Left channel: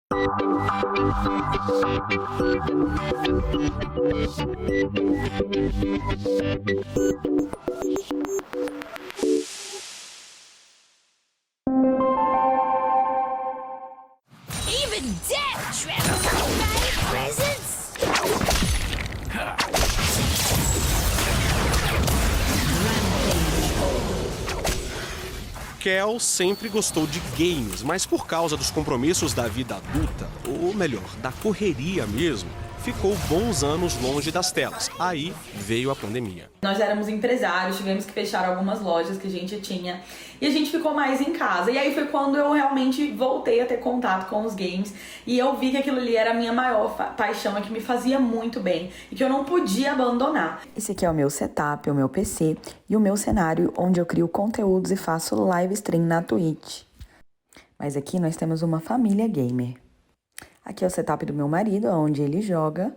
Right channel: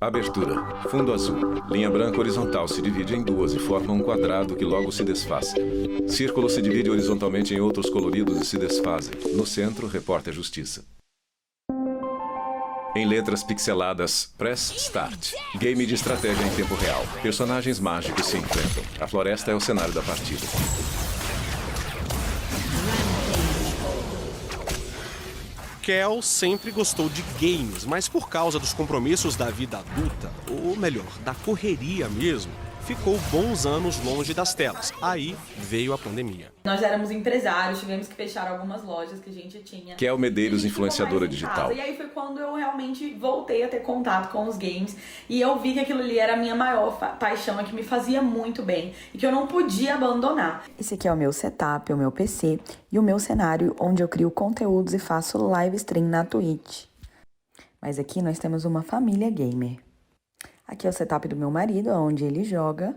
Abertura. Fundo azul. Linha branca horizontal se divide em duas e forma um quadrado que logo se desfaz. Círculo se divide horizontalmente em outros coloridos e se desfazem. No centro, repórter Justiça. Em letras pixeladas, Press Start. Game de estratégia em tempo real. Personagens mágicos se enfrentam. A floresta é o cenário da partida. Kel sempre gostou de games, mas por causa dos compromissos da vida adulta, ou melhor, da correria mesmo, ficou bons anos longe das telas. Aí veio a pandemia. Nós éramos empresários, tivemos que fechar algumas lojas que a gente tinha. Kel E a Medeiros, gente ficou mais influenciadora em digital. casa. E aí foi quando eu realmente voltei a ter contato com os games. E eu vi que aquilo ali era a minha maior paixão, que me fazia muito bem. E que eu não podia abandonar. Esse aqui é o meu setup, o meu PC e o meu cenário onde eu crio conteúdos e faço live stream na Twitch. Mas aqui nós temos uma família gamer. Aqui é o setup do meu marido, onde ele joga.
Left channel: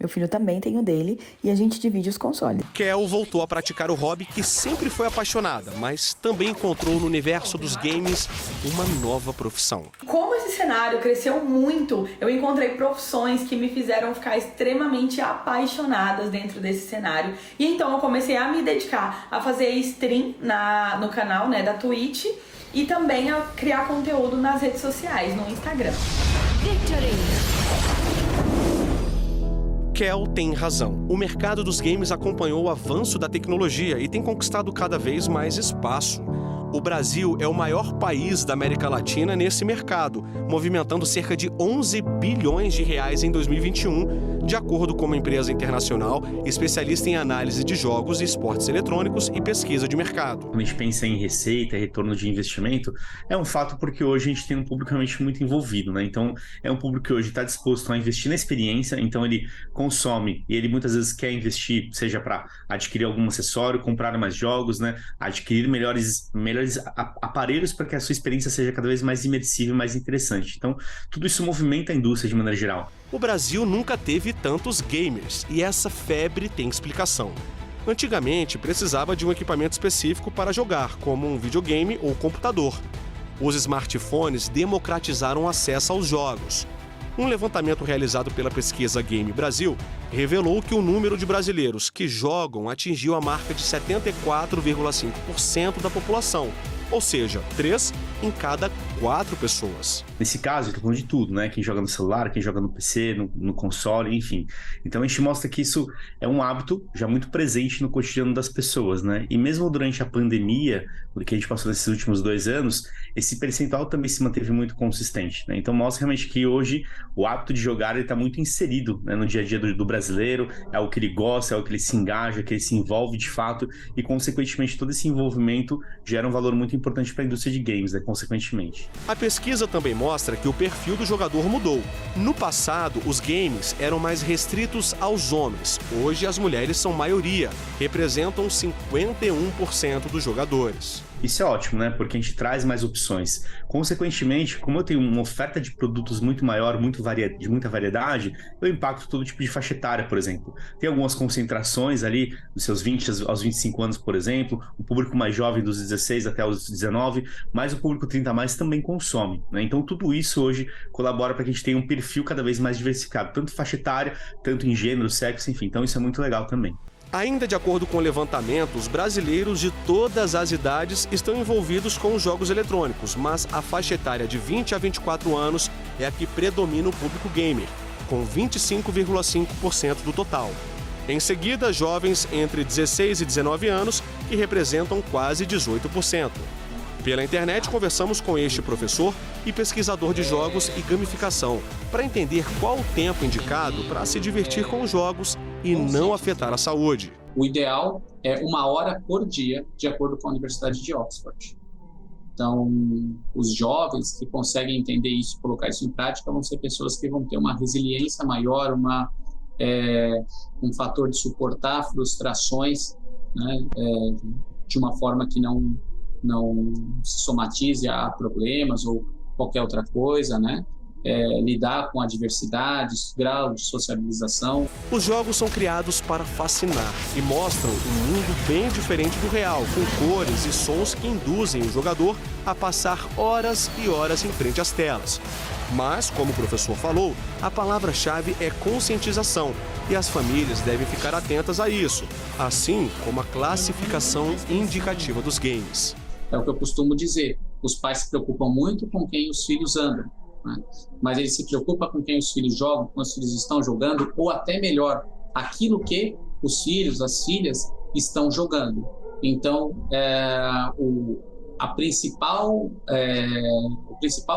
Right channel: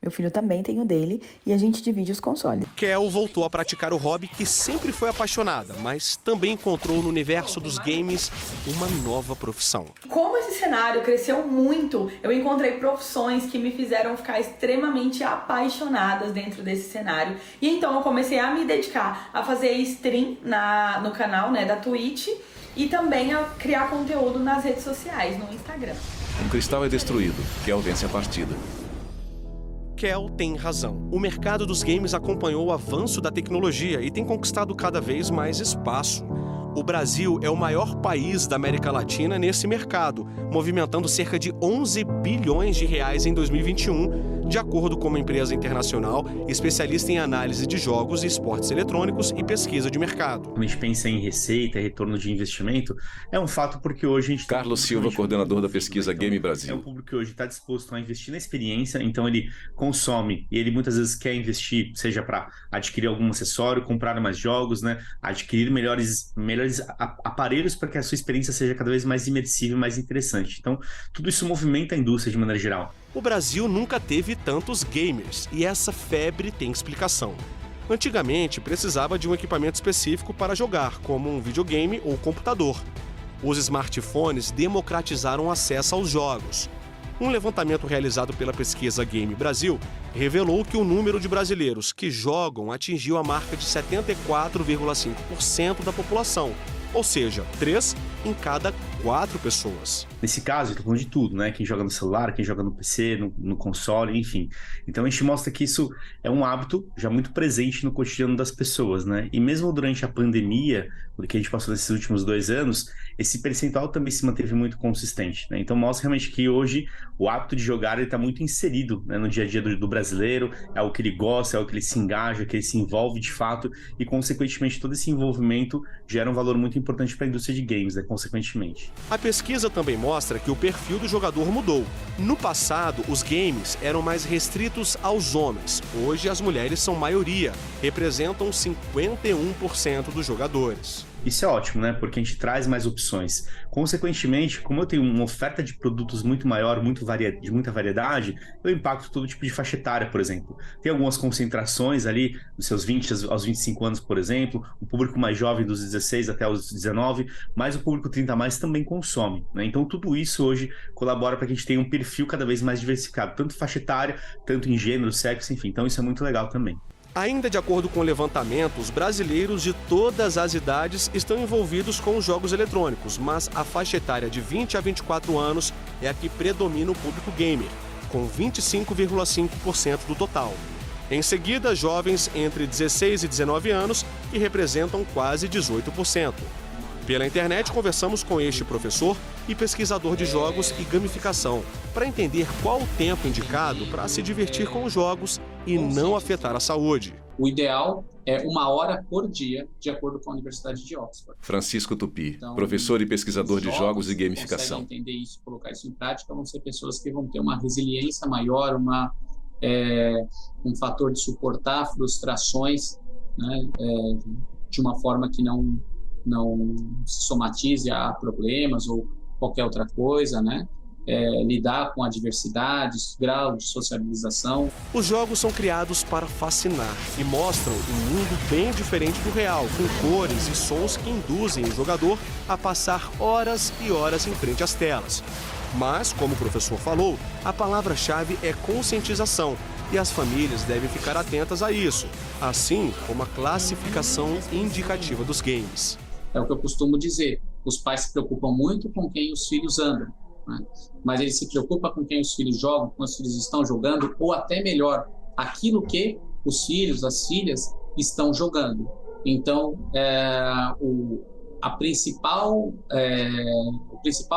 Meu filho também tem o dele e a gente divide os consoles. Kel voltou a praticar o hobby que sempre foi apaixonada, mas também encontrou no universo dos games uma nova profissão. Como esse cenário cresceu muito, eu encontrei profissões que me fizeram ficar extremamente apaixonadas dentro desse cenário. E então eu comecei a me dedicar a fazer stream no canal, da Twitch, e também a criar conteúdo nas redes sociais, no Instagram. O cristal é destruído e alguém se partiu. Kel tem razão. O mercado dos games acompanhou o avanço da tecnologia e tem conquistado cada vez mais espaço. O Brasil é o maior país da América Latina nesse mercado, movimentando cerca de 11 bilhões de reais em 2021, de acordo com uma empresa internacional especialista em análise de jogos e esportes eletrônicos e pesquisa de mercado. Quando a gente pensa em receita e retorno de investimento, é um fato porque hoje a gente tem Carlos um Silva, público muito coordenador da envolvido, pesquisa Então, Game Brasil. é um público que hoje está disposto a investir na experiência, então ele consome e ele muitas vezes quer investir, seja para adquirir algum acessório, comprar mais jogos, adquirir melhores aparelhos para que a sua experiência seja cada vez mais imersiva e mais interessante. Então, tudo isso movimenta a indústria de maneira geral. O Brasil nunca teve tantos gamers e essa febre tem explicação. Antigamente, precisava de um equipamento específico para jogar, como um videogame ou computador. Os smartphones democratizaram o acesso aos jogos. Um levantamento realizado pela pesquisa Game Brasil revelou que o número de brasileiros que jogam atingiu a marca de 74,5% da população, ou seja, 3 em cada 4 pessoas. Nesse caso, eu tô falando de tudo, Quem joga no celular, quem joga no PC, no console, enfim. Então a gente mostra que isso é um hábito já muito presente no cotidiano das pessoas, E mesmo durante a pandemia, o que a gente passou nesses últimos 2 anos, esse percentual também se manteve muito consistente, Então mostra realmente que hoje o hábito de jogar está muito inserido no dia a dia do brasileiro, é o que ele gosta, é o que ele se engaja, é o que ele se envolve de fato e, consequentemente, todo esse envolvimento gera um valor muito importante para a indústria de games, consequentemente. A pesquisa também mostra que o perfil do jogador mudou. No passado, os games eram mais restritos aos homens. Hoje, as mulheres são maioria, representam 51% dos jogadores. Isso é ótimo, Porque a gente traz mais opções. Consequentemente, como eu tenho uma oferta de produtos muito maior, de muita variedade, eu impacto todo tipo de faixa etária, por exemplo. Tem algumas concentrações ali, dos seus 20 aos 25 anos, por exemplo, o público mais jovem dos 16 até os 19, mas o público 30 a mais também consome, Então tudo isso hoje colabora para que a gente tenha um perfil cada vez mais diversificado, tanto faixa etária, tanto em gênero, sexo, enfim. Então isso é muito legal também. Ainda de acordo com o levantamento, os brasileiros de todas as idades estão envolvidos com os jogos eletrônicos, mas a faixa etária de 20 a 24 anos é a que predomina o público gamer, com 25,5% do total. Em seguida, jovens entre 16 e 19 anos, que representam quase 18%. Pela internet, conversamos com este professor e pesquisador de jogos e gamificação, para entender qual o tempo indicado para se divertir com os jogos e não afetar a saúde. O ideal é 1 hora por dia, de acordo com a Universidade de Oxford. Francisco Tupi, Então, professor e pesquisador de jogos e que gamificação. conseguem entender isso, colocar isso em prática, vão ser pessoas que vão ter uma resiliência maior, um fator de suportar frustrações, de uma forma que não se somatize a problemas ou qualquer outra coisa, lidar com a diversidade, grau de socialização. Os jogos são criados para fascinar e mostram um mundo bem diferente do real, com cores e sons que induzem o jogador a passar horas e horas em frente às telas. Mas, como o professor falou, a palavra-chave é conscientização e as famílias devem ficar atentas a isso, assim como a classificação indicativa dos games. É o que eu costumo dizer, os pais se preocupam muito com quem os filhos andam, né? Mas eles se preocupam com quem os filhos jogam, com os filhos estão jogando, ou até melhor, aquilo que os filhos, as filhas estão jogando. Então, o principal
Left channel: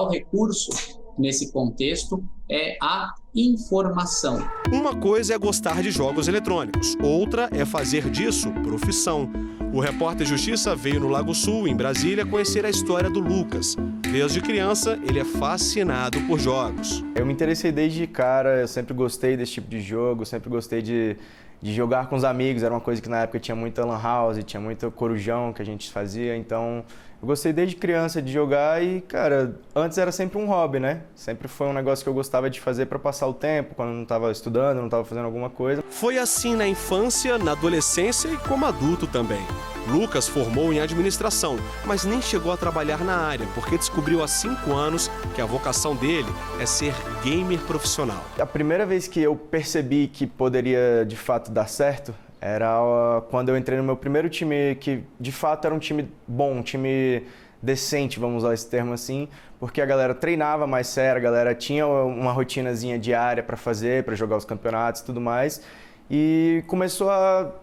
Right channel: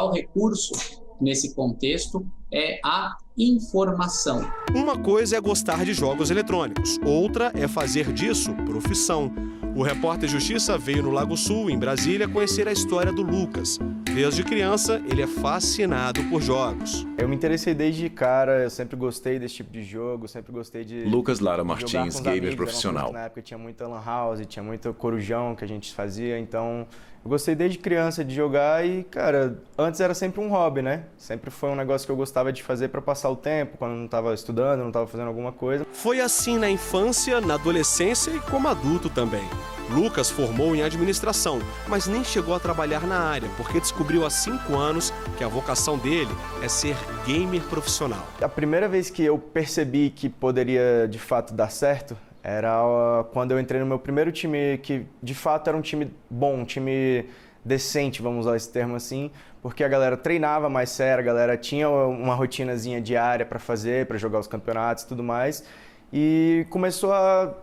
recurso nesse contexto é a informação. Uma coisa é gostar de jogos eletrônicos, outra é fazer disso profissão. O repórter Justiça veio no Lago Sul, em Brasília, conhecer a história do Lucas. Desde criança, ele é fascinado por jogos. Eu me interessei desde cara, eu sempre gostei desse tipo de jogo, sempre gostei de Lucas Lara Martins, jogar com os gamer amigos. Era uma coisa profissional. que na época tinha muita lan house, tinha muito corujão que a gente fazia, então eu gostei desde criança de jogar e, cara, antes era sempre um hobby, né? Sempre foi um negócio que eu gostava de fazer para passar o tempo, quando eu não estava estudando, não estava fazendo alguma coisa. Foi assim na infância, na adolescência e como adulto também. Lucas formou em administração, mas nem chegou a trabalhar na área, porque descobriu há 5 anos que a vocação dele é ser gamer profissional. A primeira vez que eu percebi que poderia de fato dar certo era quando eu entrei no meu primeiro time, que de fato era um time bom, um time decente, vamos usar esse termo assim, porque a galera treinava mais sério, a galera tinha uma rotinazinha diária para fazer, para jogar os campeonatos e tudo mais, e começou a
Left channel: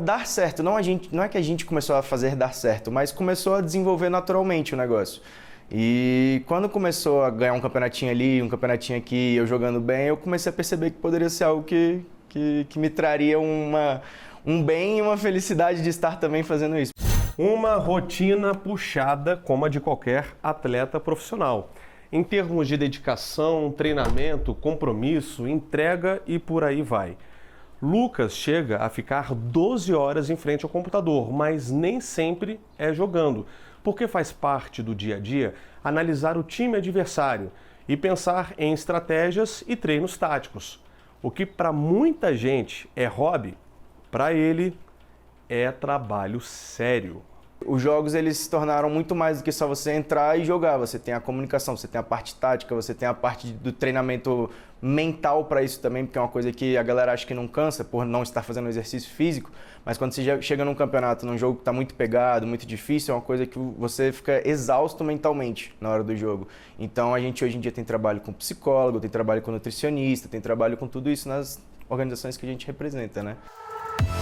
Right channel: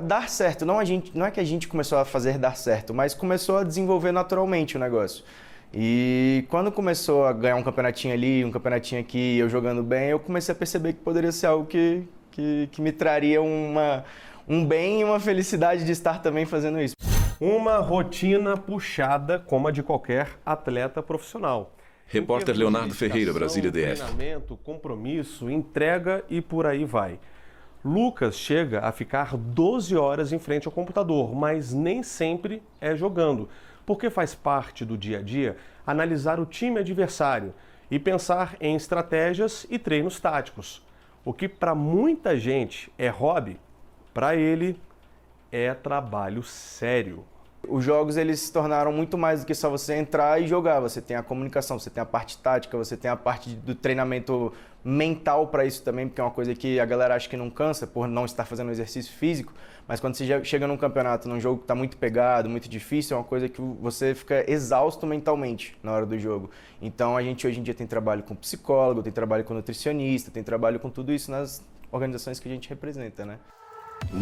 dar certo. Não é que a gente começou a fazer dar certo, mas começou a desenvolver naturalmente o negócio. E quando começou a ganhar um campeonatinho ali, um campeonatinho aqui, eu jogando bem, eu comecei a perceber que poderia ser algo que me traria um bem e uma felicidade de estar também fazendo isso. Uma rotina puxada como a de qualquer atleta profissional. Repórter em termos Leonardo de Ferreira, dedicação, Brasília DF. treinamento, compromisso, entrega e por aí vai. Lucas chega a ficar 12 horas em frente ao computador, mas nem sempre é jogando, porque faz parte do dia a dia analisar o time adversário e pensar em estratégias e treinos táticos. O que para muita gente é hobby, para ele é trabalho sério. Os jogos eles se tornaram muito mais do que só você entrar e jogar. Você tem a comunicação, você tem a parte tática, você tem a parte do treinamento mental para isso também, porque é uma coisa que a galera acha que não cansa por não estar fazendo exercício físico, mas quando você chega num campeonato, num jogo que está muito pegado, muito difícil, é uma coisa que você fica exausto mentalmente na hora do jogo. Então a gente hoje em dia tem trabalho com psicólogo, tem trabalho com nutricionista, tem trabalho com tudo isso nas organizações que a gente representa, né?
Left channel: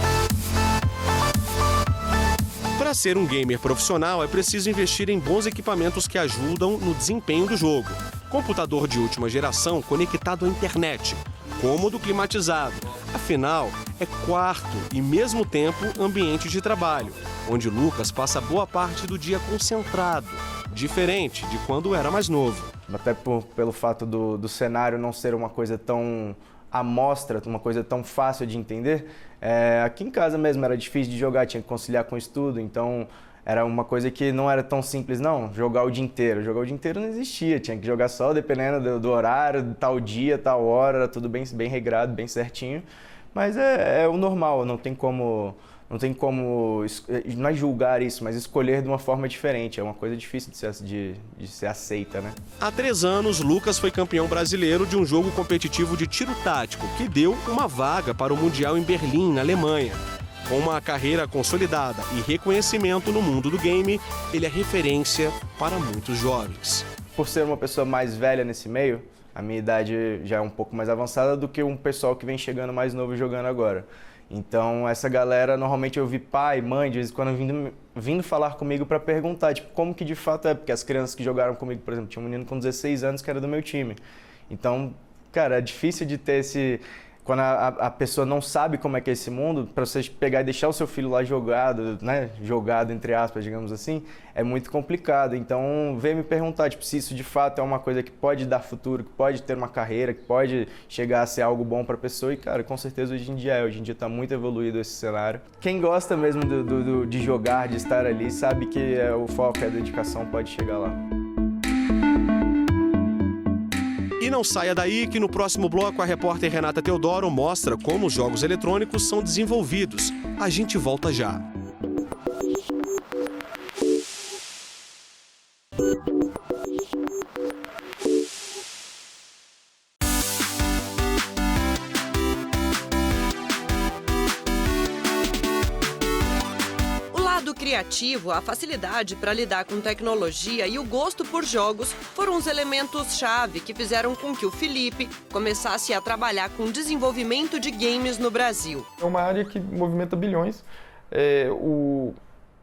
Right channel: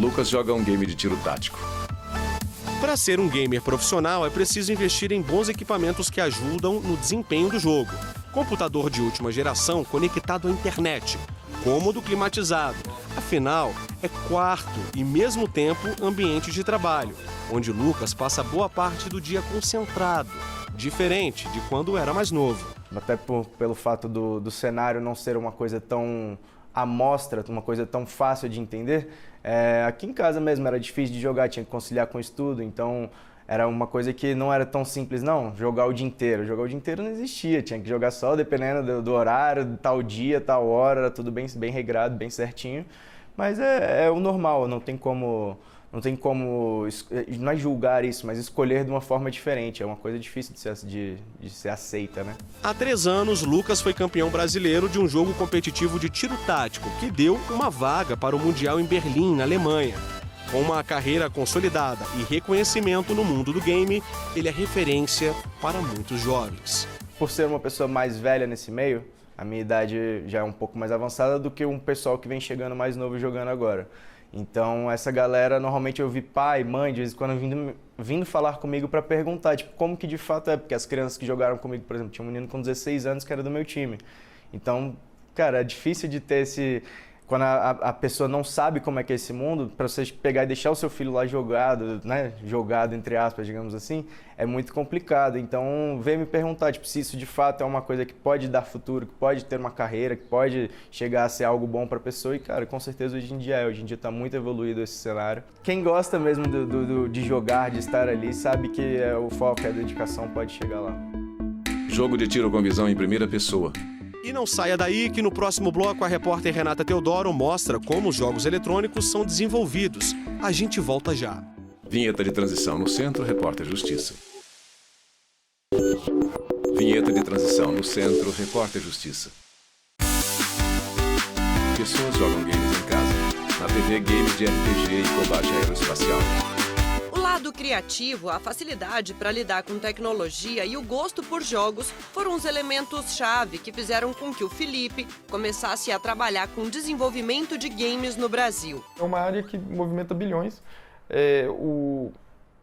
Lucas joga um game de tiro tático. Para ser um gamer profissional, é preciso investir em bons equipamentos que ajudam no desempenho do jogo. Computador de última geração conectado à internet, cômodo climatizado. Afinal, é quarto e, mesmo tempo, ambiente de trabalho, onde Lucas passa boa parte do dia concentrado, diferente de quando era mais novo. Até pelo fato do cenário não ser uma coisa tão à mostra, uma coisa tão fácil de entender, aqui em casa mesmo era difícil de jogar, tinha que conciliar com o estudo, então era uma coisa que não era tão simples, não, jogar o dia inteiro. Jogar o dia inteiro não existia, tinha que jogar só dependendo do horário, tal dia, tal hora, tudo bem regrado, bem certinho. Mas é o normal, não tem como, não é julgar isso, mas escolher de uma forma diferente. É uma coisa difícil de ser aceita, né? Há 3 anos, Lucas foi campeão brasileiro de um jogo competitivo de tiro tático, que deu uma vaga para o Mundial em Berlim, na Alemanha. Com uma carreira consolidada e reconhecimento no mundo do game, ele é referência para muitos jovens. Por ser uma pessoa mais velha nesse meio, a minha idade já é um pouco mais avançada do que um pessoal que vem chegando mais novo jogando agora. Então essa galera, normalmente eu vi pai, mãe, de vez em quando vindo falar comigo para perguntar, tipo, como que de fato é, porque as crianças que jogaram comigo, por exemplo, tinha um menino com 16 anos que era do meu time. Então, cara, é difícil de ter esse... Quando a pessoa não sabe como é que é esse mundo, para você pegar e deixar o seu filho lá jogado, né, jogado entre aspas, digamos assim, é muito complicado. Então, vem me perguntar, tipo, se isso de fato é uma coisa que pode dar futuro, que pode ter uma carreira, que pode chegar a ser algo bom para a pessoa. E, cara, com certeza hoje em dia está muito evoluído esse cenário. Quem gosta mesmo de jogar, de estar ali, sabe que o foco e a dedicação pode chegar lá. Jogo de tiro com visão em primeira pessoa. E não saia daí que no próximo bloco a repórter Renata Teodoro mostra como os jogos eletrônicos são desenvolvidos. A gente volta já. Vinheta de transição no centro, repórter Justiça. Vinheta de transição. No centro, Repórter Justiça. Pessoas jogam games em casa. Na TV, games de RPG e combate aeroespacial. O lado criativo, a facilidade para lidar com tecnologia e o gosto por jogos foram os elementos-chave que fizeram com que o Felipe começasse a trabalhar com desenvolvimento de games no Brasil. É uma área que movimenta bilhões.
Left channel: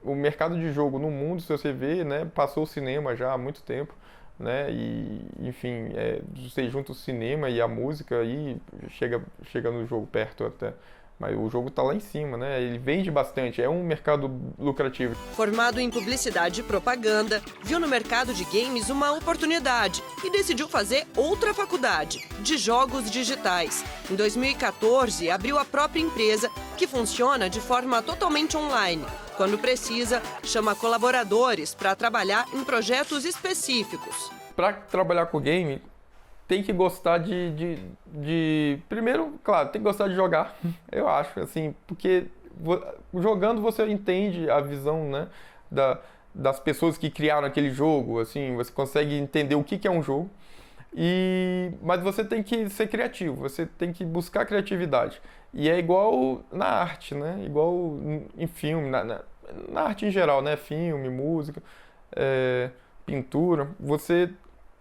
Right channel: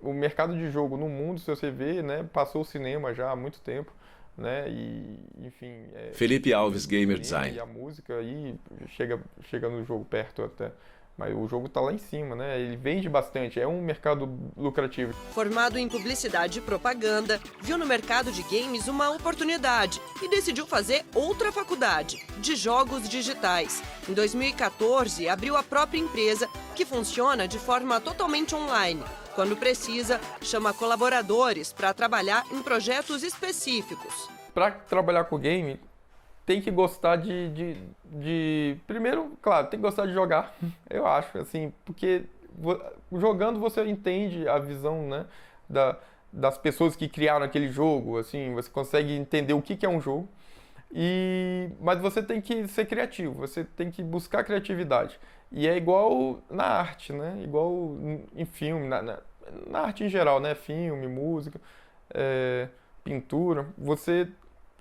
O mercado de jogo no mundo, se você vê, né, passou o cinema já há muito tempo, né, e enfim... Felipe Alves, Gamer Design. E a música aí chega no jogo perto até. Mas o jogo está lá em cima, né? Ele vende bastante, é um mercado lucrativo. Formado em publicidade e propaganda, viu no mercado de games uma oportunidade e decidiu fazer outra faculdade, de jogos digitais. Em 2014, abriu a própria empresa, que funciona de forma totalmente online. Quando precisa, chama colaboradores para trabalhar em projetos específicos. Para trabalhar com game, tem que gostar primeiro, claro, tem que gostar de jogar, eu acho, assim, porque jogando você entende a visão, né, das pessoas que criaram aquele jogo, assim, você consegue entender o que é um jogo, mas você tem que ser criativo, você tem que buscar criatividade. E é igual na arte, né, igual em filme, na arte em geral, né, filme, música, pintura,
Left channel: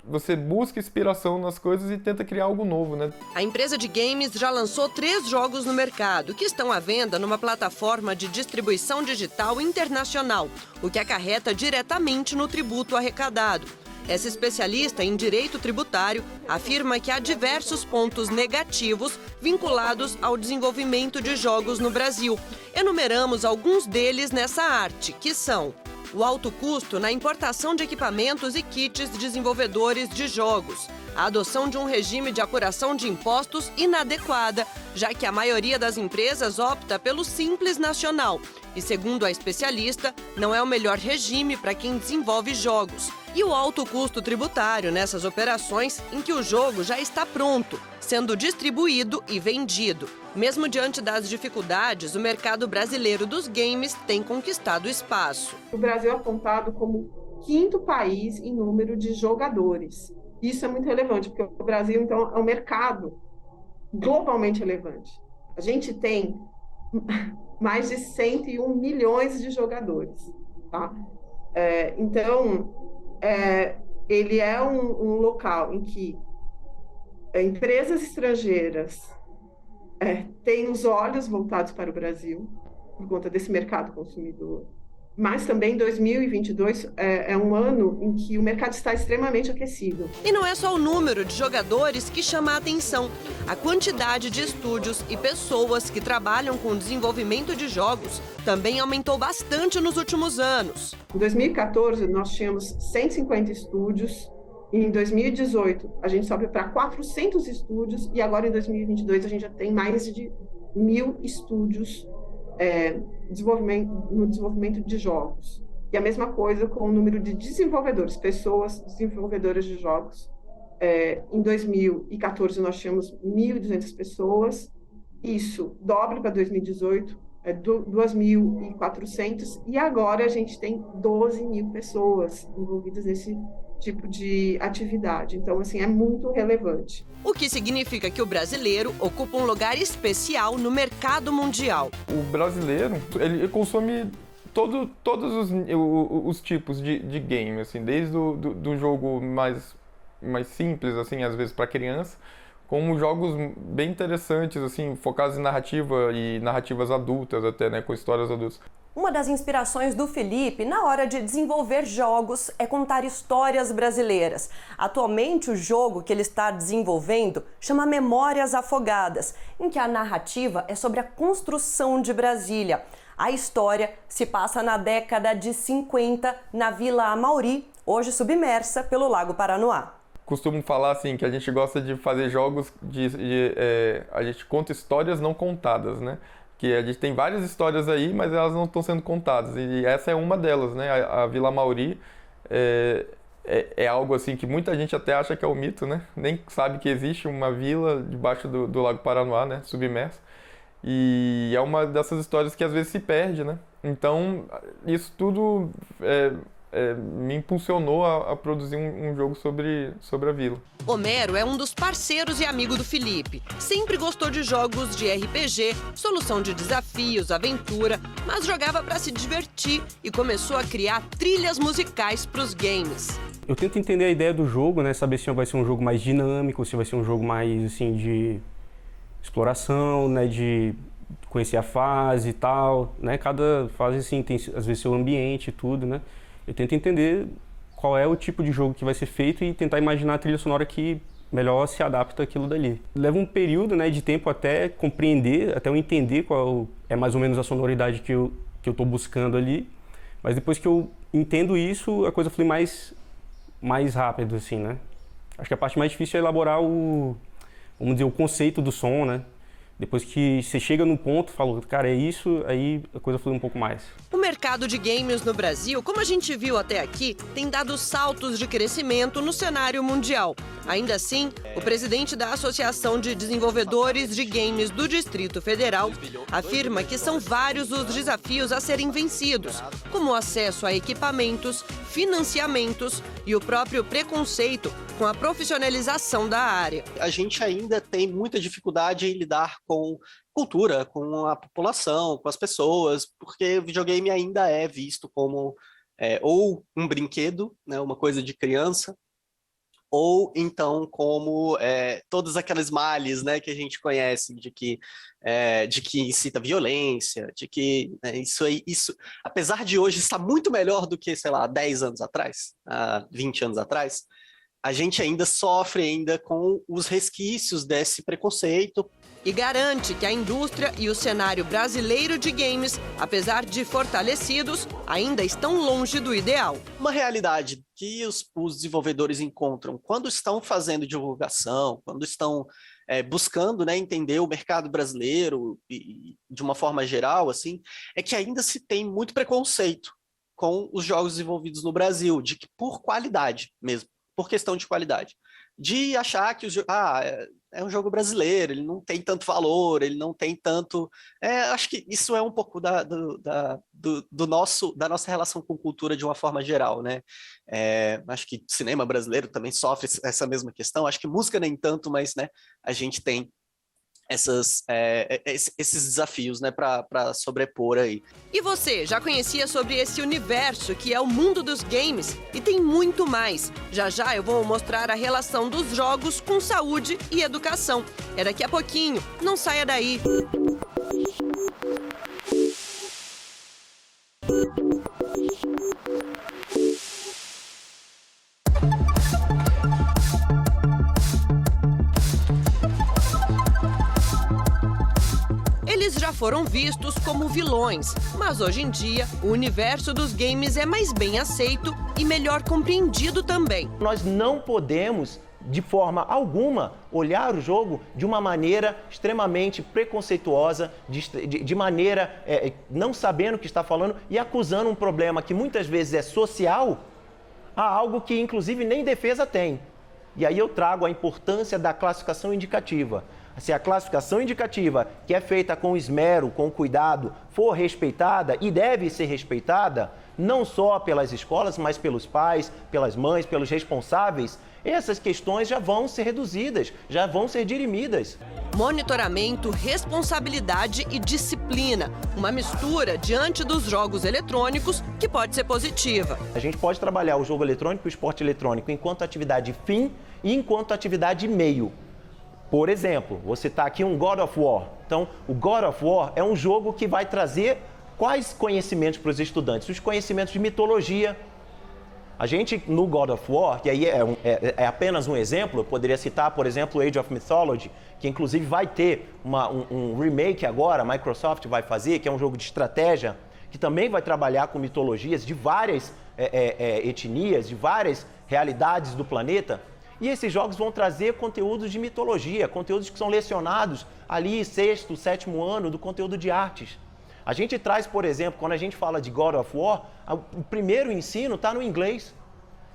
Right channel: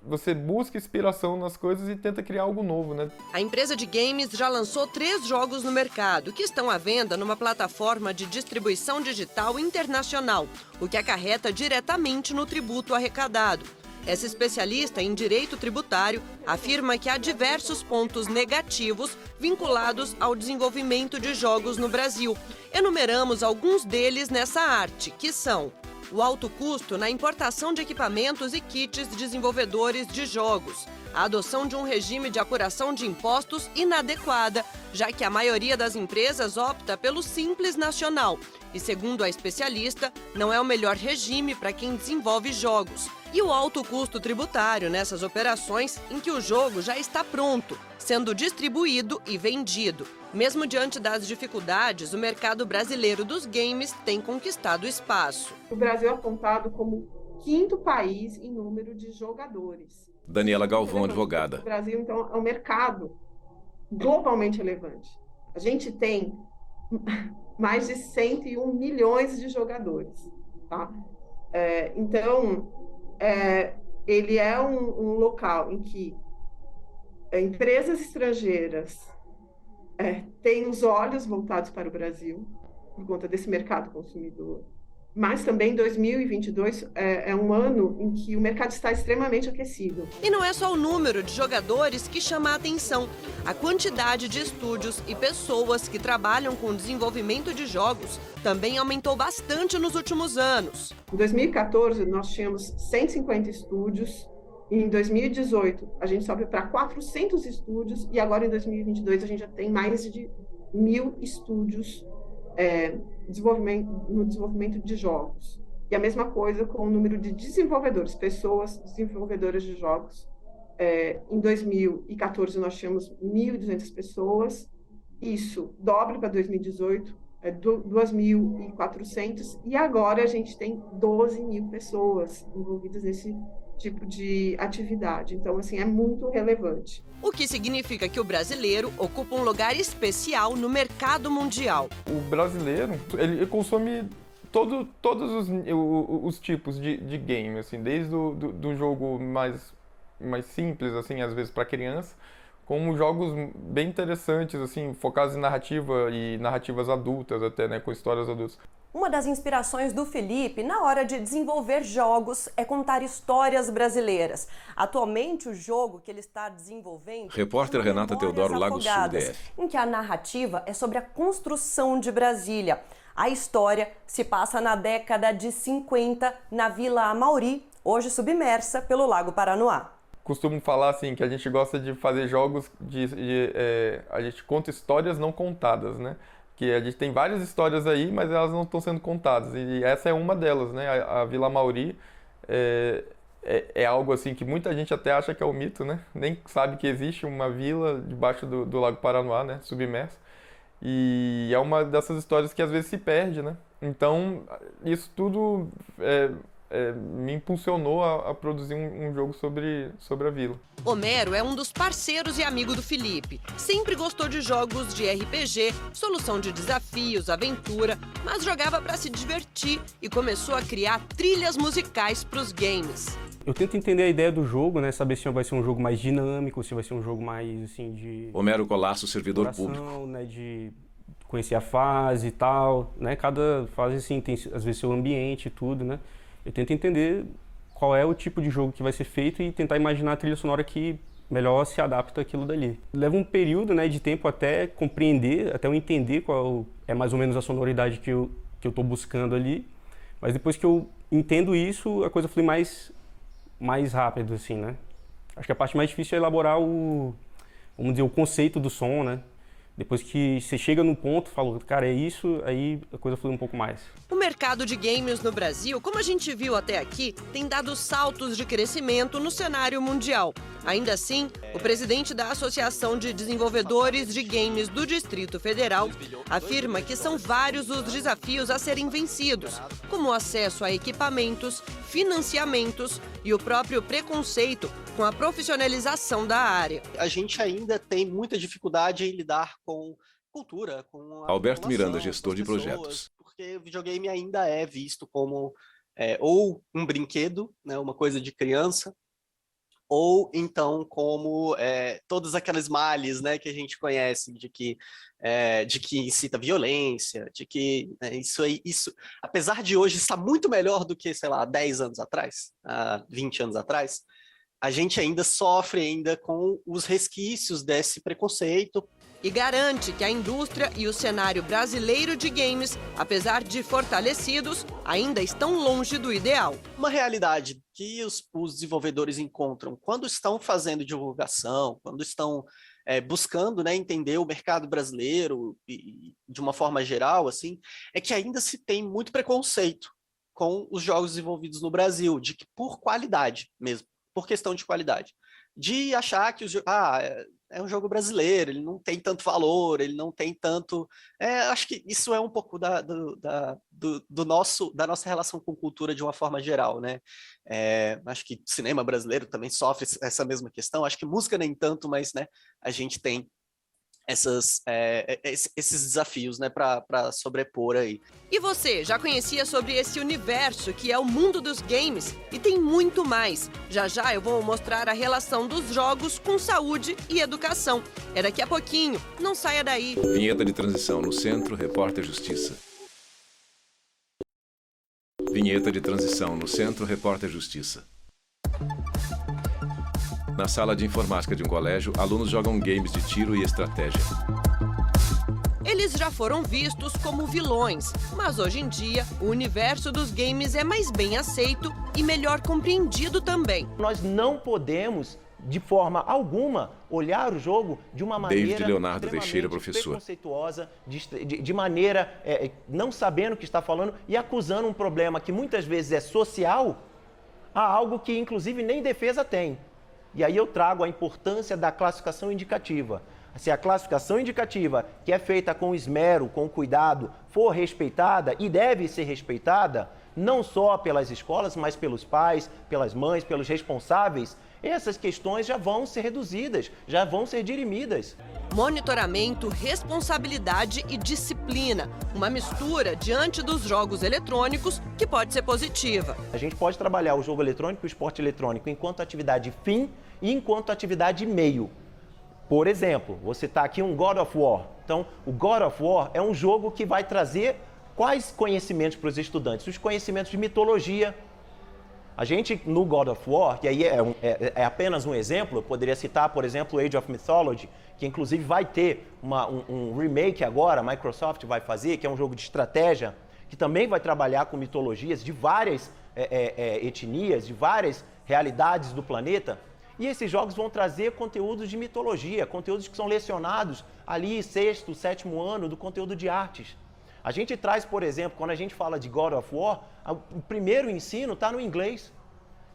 você busca inspiração nas coisas e tenta criar algo novo, né? A empresa de games já lançou 3 jogos no mercado, que estão à venda numa plataforma de distribuição digital internacional, o que acarreta diretamente no tributo arrecadado. Essa especialista em direito tributário afirma que há diversos pontos negativos vinculados ao desenvolvimento de jogos no Brasil. Enumeramos alguns deles nessa arte, que são: o alto custo na importação de equipamentos e kits desenvolvedores de jogos, a adoção de um regime de apuração de impostos inadequada, já que a maioria das empresas opta pelo Simples Nacional e, segundo a especialista, não é o melhor regime para quem desenvolve jogos. E o alto custo tributário nessas operações em que o jogo já está pronto, sendo distribuído e vendido. Mesmo diante das dificuldades, o mercado brasileiro dos games tem conquistado espaço. O Brasil é apontado como o 5º país em número de jogadores. Daniela Galvão, advogada. O Brasil, então, é um mercado globalmente relevante. A gente tem mais de 101 milhões de jogadores. Tá? Ele é um local em que empresas estrangeiras têm os olhos voltados para o Brasil, por conta desse mercado consumidor. Mas também 2022 é um ano em que o mercado está extremamente aquecido. E não é só o número de jogadores que chama a atenção. A quantidade de estúdios e pessoas que trabalham com o desenvolvimento de jogos também aumentou bastante nos últimos anos. Em 2014, nós tínhamos 150 estúdios. E em 2018, a gente sobe para 400 estúdios. E agora, em 2022, a gente já tem mais de 1.000 estúdios no desenvolvimento de jogos. E a mesma coisa com o número de desenvolvedores, pessoas desenvolvedoras de jogos. Em 2014 nós tínhamos 1.200 pessoas, isso dobra para 2018, 2.400, e agora a gente tem 12.000 pessoas envolvidas nesse tipo de atividade. Então, assim, é muito relevante. O que significa que o brasileiro ocupa um lugar especial no mercado mundial. O brasileiro, ele consome todos os tipos de game, assim, desde do jogo mais simples, assim, às vezes para criança, como jogos bem interessantes, assim, focados em narrativa e narrativas adultas até, né, com histórias adultas. Uma das inspirações do Felipe na hora de desenvolver jogos é contar histórias brasileiras. Atualmente, o jogo que ele está desenvolvendo chama Memórias Afogadas, em que a narrativa é sobre a construção de Brasília. A história se passa na década de 50, na Vila Amauri, hoje submersa pelo Lago Paranoá. Costumo falar assim, que a gente gosta de fazer jogos, a gente conta histórias não contadas, né? Que a gente tem várias histórias aí, mas elas não estão sendo contadas. E essa é uma delas, né? A Vila Amauri é algo assim que muita gente até acha que é um mito, né? Nem sabe que existe uma vila debaixo do Lago Paranoá, né? Submersa. E é uma dessas histórias que às vezes se perde, né? Então, isso tudo me impulsionou a produzir um jogo sobre a vila. Homero é um dos parceiros e amigo do Felipe. Sempre gostou de jogos de RPG, solução de desafios, aventura, mas jogava para se divertir e começou a criar trilhas musicais para os games. Eu tento entender a ideia do jogo, né? Saber se vai ser um jogo mais dinâmico, se vai ser um jogo mais, assim, de Homero Colasso, servidor exploração, né? De conhecer a fase e tal, né? Cada fase, assim, tem às vezes seu ambiente e tudo, né? Eu tento entender qual é o tipo de jogo que vai ser feito e tentar imaginar a trilha sonora que melhor se adapta àquilo dali. Leva um período, né, de tempo até compreender, até eu entender qual é mais ou menos a sonoridade que eu estou buscando ali, mas depois que eu entendo isso, a coisa flui mais rápido, assim, né? Acho que a parte mais difícil é elaborar vamos dizer, o conceito do som, né? Depois que você chega num ponto, fala, cara, é isso, aí a coisa flui um pouco mais. O mercado de games no Brasil, como a gente viu até aqui, tem dado saltos de crescimento no cenário mundial. Ainda assim, o presidente da Associação de Desenvolvedores de Games do Distrito Federal afirma que são vários os desafios a serem vencidos, como o acesso a equipamentos, financiamentos e o próprio preconceito com a profissionalização da área. A gente ainda tem muita dificuldade em lidar com cultura, com a Alberto população, Miranda, com as pessoas, porque o videogame ainda é visto como ou um brinquedo, né, uma coisa de criança, ou então como todos aqueles males, né, que a gente conhece, de que incita violência, de que isso, apesar de hoje estar muito melhor do que, sei lá, 10 anos atrás, 20 anos atrás, a gente ainda sofre com os resquícios desse preconceito. E garante que a indústria e o cenário brasileiro de games, apesar de fortalecidos, ainda estão longe do ideal. Uma realidade que os desenvolvedores encontram quando estão fazendo divulgação, quando estão buscando, né, entender o mercado brasileiro e, de uma forma geral, assim, é que ainda se tem muito preconceito com os jogos desenvolvidos no Brasil, de que por qualidade mesmo, por questão de qualidade, de achar que é um jogo brasileiro, ele não tem tanto valor, ele não tem tanto... acho que isso é um pouco da nossa relação com cultura de uma forma geral, né? Acho que o cinema brasileiro também sofre essa mesma questão, acho que música nem tanto, mas, né, a gente tem esses desafios, né, para sobrepor aí. E você, já conhecia sobre esse universo que é o mundo dos games? E tem muito mais. Já já eu vou mostrar a relação dos jogos com saúde e educação. É daqui a pouquinho, não saia daí. Vinheta de transição no Centro, Repórter Justiça. Vinheta de transição no Centro, Repórter Justiça. Na sala de informática de um colégio, alunos jogam games de tiro e estratégia. Eles já foram vistos como vilões, mas hoje em dia o universo dos games é mais bem aceito e melhor compreendido também. Nós não podemos, de forma alguma, olhar o jogo de uma maneira extremamente preconceituosa, de maneira não sabendo o que está falando e acusando um problema que muitas vezes é social a algo que inclusive nem defesa tem. E aí eu trago a importância da classificação indicativa. Se a classificação indicativa, que é feita com esmero, com cuidado, for respeitada e deve ser respeitada, não só pelas escolas, mas pelos pais, pelas mães, pelos responsáveis, essas questões já vão ser reduzidas, já vão ser dirimidas. Monitoramento, responsabilidade e disciplina. Uma mistura diante dos jogos eletrônicos que pode ser positiva. A gente pode trabalhar o jogo eletrônico e o esporte eletrônico enquanto atividade fim e enquanto atividade meio. Por exemplo, você está aqui um God of War. Então, o God of War é um jogo que vai trazer quais conhecimentos para os estudantes? Os conhecimentos de mitologia. A gente, no God of War, que aí é apenas um exemplo, eu poderia citar, por exemplo, Age of Mythology, que inclusive vai ter um remake agora, a Microsoft vai fazer, que é um jogo de estratégia, que também vai trabalhar com mitologias de várias etnias, de várias realidades do planeta. E esses jogos vão trazer conteúdos de mitologia, conteúdos que são lecionados ali, 6º, 7º ano do conteúdo de artes. A gente traz, por exemplo, quando a gente fala de God of War, o primeiro ensino está no inglês.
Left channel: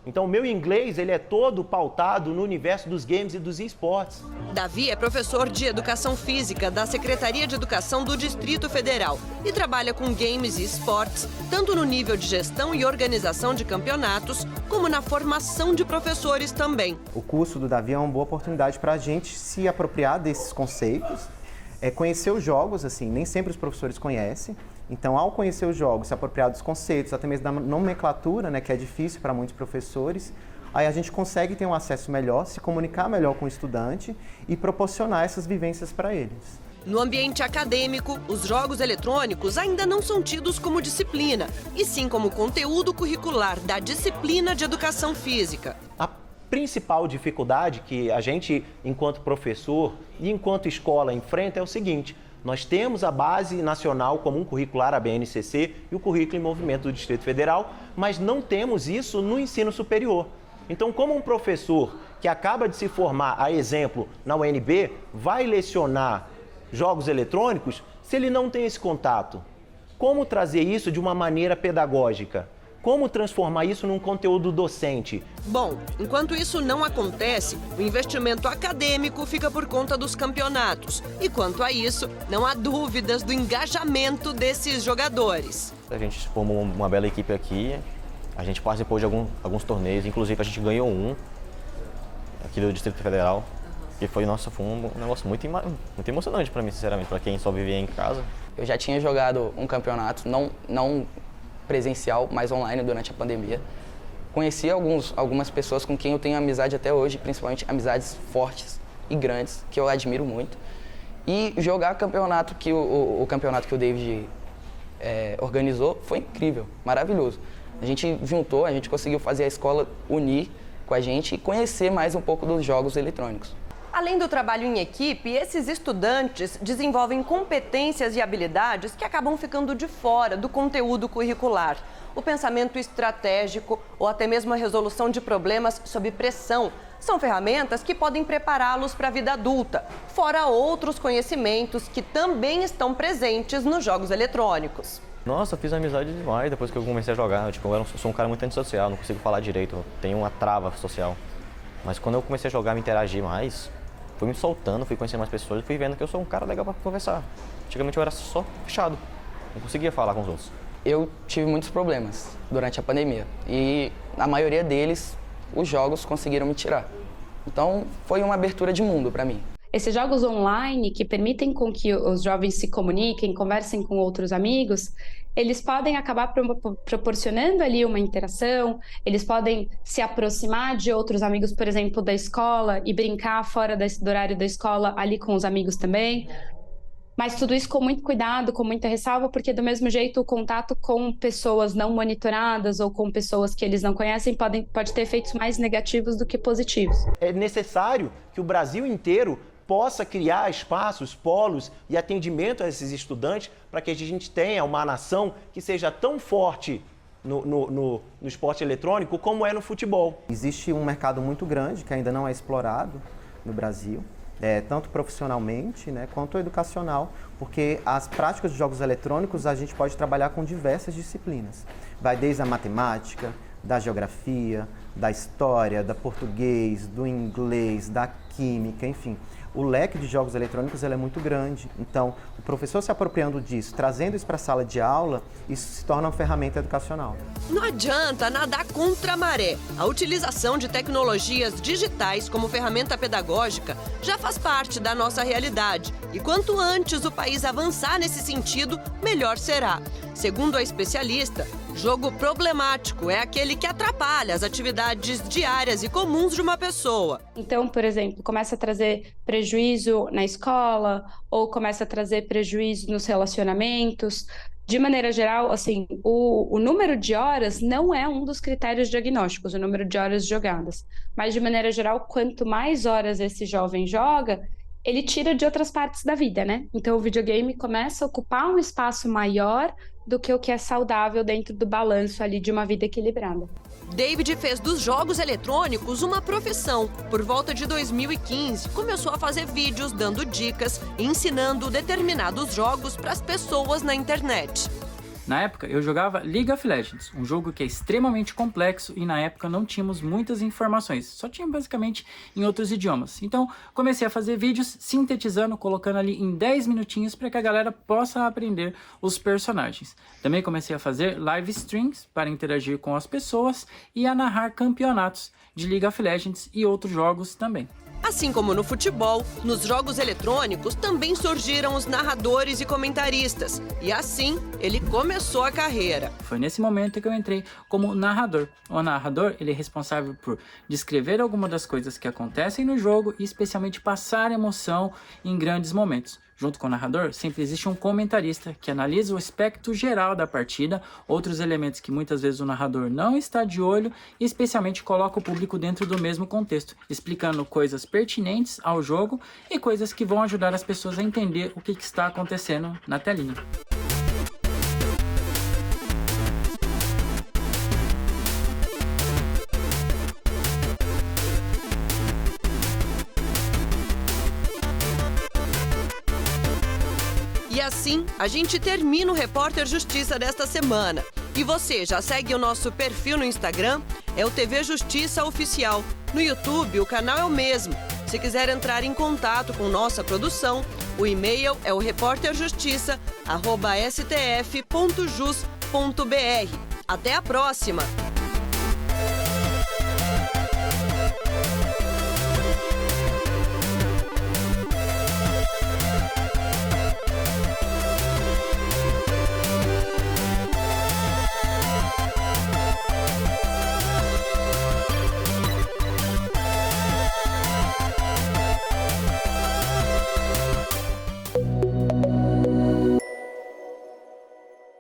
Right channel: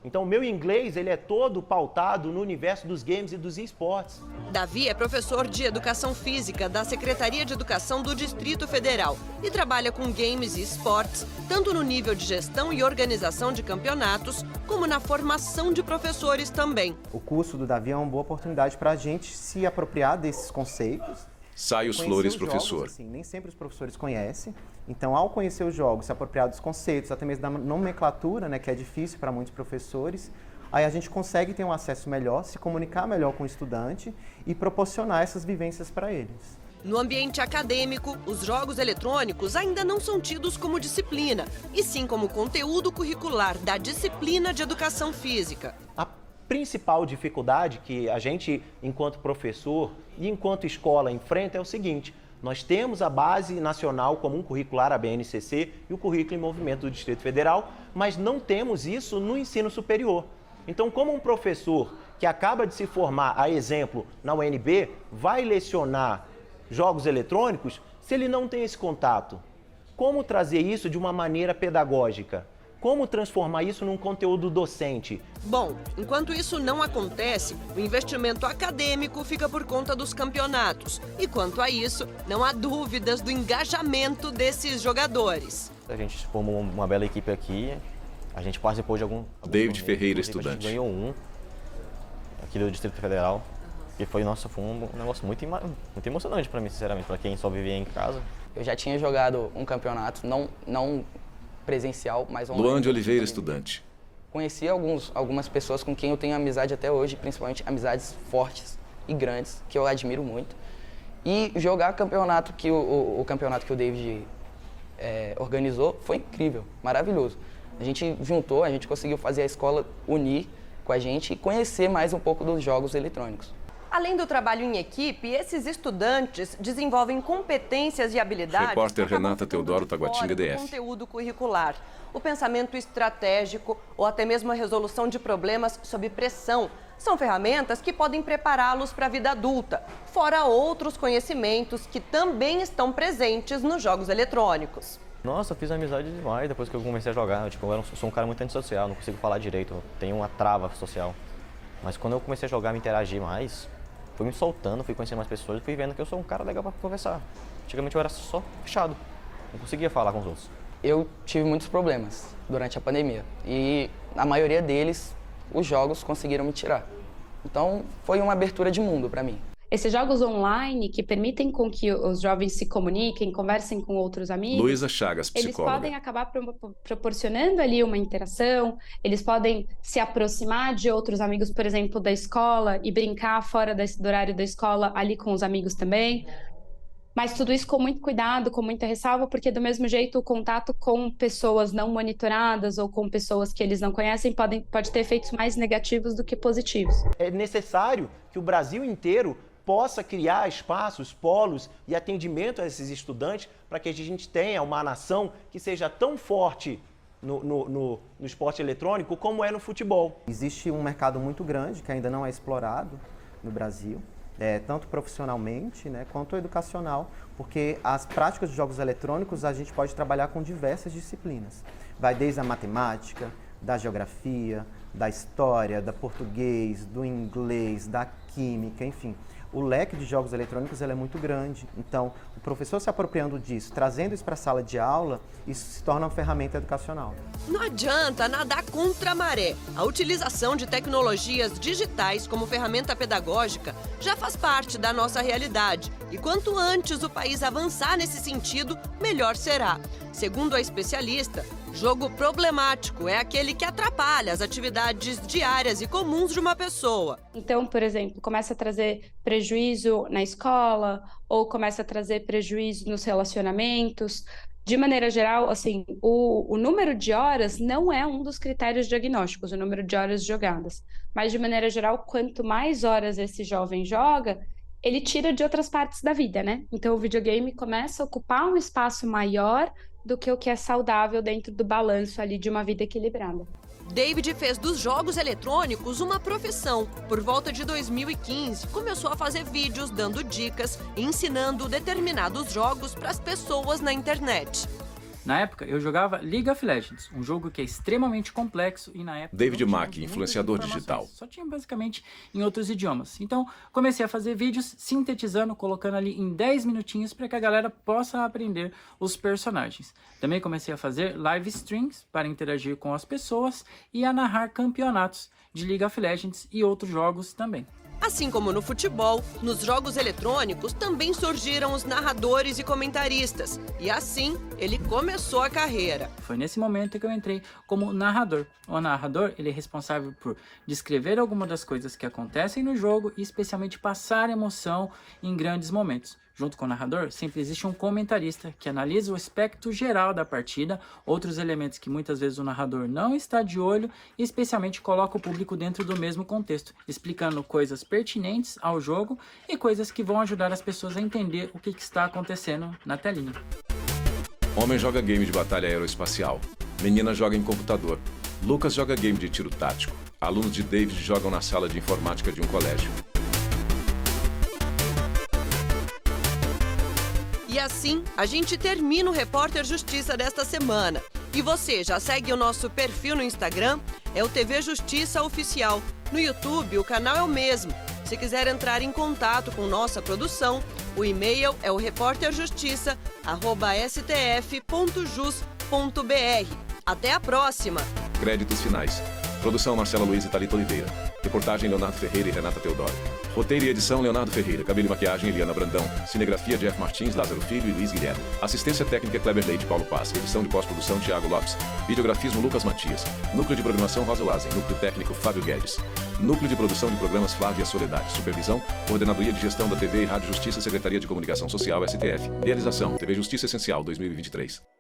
Então o meu inglês ele é todo pautado no universo dos games e dos esportes. Davi é professor de Educação Física da Secretaria de Educação do Distrito Federal e trabalha com games e esportes, tanto no nível de gestão e organização de campeonatos, como na formação de professores também. O curso do Davi é uma boa oportunidade para a gente se apropriar desses conceitos, conhecer os jogos, assim, nem sempre os professores conhecem. Então, ao conhecer os jogos, se apropriar dos conceitos, até mesmo da nomenclatura, né, que é difícil para muitos professores, aí a gente consegue ter um acesso melhor, se comunicar melhor com o estudante e proporcionar essas vivências para eles. No ambiente acadêmico, os jogos eletrônicos ainda não são tidos como disciplina, e sim como conteúdo curricular da disciplina de Educação Física. A principal dificuldade que a gente, enquanto professor e enquanto escola, enfrenta é o seguinte: nós temos a Base Nacional Comum Curricular, a BNCC, e o Currículo em Movimento do Distrito Federal, mas não temos isso no ensino superior. Então, como um professor que acaba de se formar, a exemplo, na UNB, vai lecionar jogos eletrônicos se ele não tem esse contato? Como trazer isso de uma maneira pedagógica? Como transformar isso num conteúdo docente? Bom, enquanto isso não acontece, o investimento acadêmico fica por conta dos campeonatos. E quanto a isso, não há dúvidas do engajamento desses jogadores. A gente formou uma bela equipe aqui, a gente participou de alguns torneios, inclusive a gente ganhou um aqui no Distrito Federal. E foi um negócio muito emocionante para mim, sinceramente, para quem só vivia em casa. Eu já tinha jogado um campeonato, não presencial, mas online durante a pandemia. Conheci algumas pessoas com quem eu tenho amizade até hoje, principalmente amizades fortes e grandes, que eu admiro muito. E jogar campeonato o campeonato que o David organizou foi incrível, maravilhoso. A gente juntou, a gente conseguiu fazer a escola unir com a gente e conhecer mais um pouco dos jogos eletrônicos. Além do trabalho em equipe, esses estudantes desenvolvem competências e habilidades que acabam ficando de fora do conteúdo curricular. O pensamento estratégico ou até mesmo a resolução de problemas sob pressão são ferramentas que podem prepará-los para a vida adulta, fora outros conhecimentos que também estão presentes nos jogos eletrônicos. Nossa, eu fiz amizade demais depois que eu comecei a jogar. Tipo, eu sou um cara muito antissocial, não consigo falar direito, tenho uma trava social. Mas quando eu comecei a jogar, me interagir mais, fui me soltando, fui conhecendo mais pessoas e fui vendo que eu sou um cara legal para conversar. Antigamente eu era só fechado, não conseguia falar com os outros. Eu tive muitos problemas durante a pandemia e a maioria deles, os jogos conseguiram me tirar. Então foi uma abertura de mundo para mim. Esses jogos online que permitem com que os jovens se comuniquem, conversem com outros amigos, Luísa Chagas, eles podem acabar proporcionando ali uma interação, eles podem se aproximar de outros amigos, por exemplo, da escola e brincar fora do horário da escola ali com os amigos também. Mas tudo isso com muito cuidado, com muita ressalva, porque do mesmo jeito o contato com pessoas não monitoradas ou com pessoas que eles não conhecem pode ter efeitos mais negativos do que positivos. É necessário que o Brasil inteiro possa criar espaços, polos e atendimento a esses estudantes para que a gente tenha uma nação que seja tão forte no esporte eletrônico como é no futebol. Existe um mercado muito grande que ainda não é explorado no Brasil, tanto profissionalmente, né, quanto educacional, porque as práticas de jogos eletrônicos a gente pode trabalhar com diversas disciplinas. Vai desde a matemática, da geografia, da história, da português, do inglês, da química, enfim. O leque de jogos eletrônicos ele é muito grande, então o professor se apropriando disso, trazendo isso para a sala de aula, isso se torna uma ferramenta educacional. Não adianta nadar contra a maré. A utilização de tecnologias digitais como ferramenta pedagógica já faz parte da nossa realidade. E quanto antes o país avançar nesse sentido, melhor será. Segundo a especialista, jogo problemático é aquele que atrapalha as atividades diárias e comuns de uma pessoa. Então, por exemplo, começa a trazer prejuízo na escola ou começa a trazer prejuízo nos relacionamentos. De maneira geral, assim, o número de horas não é um dos critérios diagnósticos, o número de horas jogadas. Mas, de maneira geral, quanto mais horas esse jovem joga, ele tira de outras partes da vida, né? Então, o videogame começa a ocupar um espaço maior do que o que é saudável dentro do balanço ali de uma vida equilibrada. David fez dos jogos eletrônicos uma profissão. Por volta de 2015, começou a fazer vídeos dando dicas e ensinando determinados jogos para as pessoas na internet. Na época, eu jogava League of Legends, um jogo que é extremamente complexo e na época não tínhamos muitas informações, só tinha basicamente em outros idiomas. Então, comecei a fazer vídeos sintetizando, colocando ali em 10 minutinhos para que a galera possa aprender os personagens. Também comecei a fazer live streams para interagir com as pessoas e a narrar campeonatos de League of Legends e outros jogos também. Assim como no futebol, nos jogos eletrônicos também surgiram os narradores e comentaristas. E assim, ele começou a carreira. Foi nesse momento que eu entrei como narrador. O narrador, ele é responsável por descrever algumas das coisas que acontecem no jogo e especialmente passar emoção em grandes momentos. Junto com o narrador, sempre existe um comentarista que analisa o aspecto geral da partida, outros elementos que muitas vezes o narrador não está de olho e especialmente coloca o público dentro do mesmo contexto, explicando coisas pertinentes ao jogo e coisas que vão ajudar as pessoas a entender o que está acontecendo na telinha. Homem joga game de batalha aeroespacial. Menina joga em computador. Lucas joga game de tiro tático. Alunos de David jogam na sala de informática de um colégio. E assim, a gente termina o Repórter Justiça desta semana. E você já segue o nosso perfil no Instagram? É o TV Justiça Oficial. No YouTube, o canal é o mesmo. Se quiser entrar em contato com nossa produção, o e-mail é o reporterjustiça@stf.jus.br. Até a próxima! Créditos finais. Produção Marcelo Luiz e Thalita Oliveira. Reportagem Leonardo Ferreira e Renata Teodoro. Roteiro e edição Leonardo Ferreira. Cabelo e maquiagem Eliana Brandão. Cinegrafia Jeff Martins, Lázaro Filho e Luiz Guilherme. Assistência técnica Kleber Leite, Paulo Paz. Edição e pós-produção Thiago Lopes. Videografismo Lucas Matias. Núcleo de programação Rosa Lázaro. Núcleo técnico Fábio Guedes. Núcleo de produção de programas Flávia Soledade. Supervisão Coordenadoria de Gestão da TV e Rádio Justiça, Secretaria de Comunicação Social, STF. Realização TV Justiça Essencial 2023.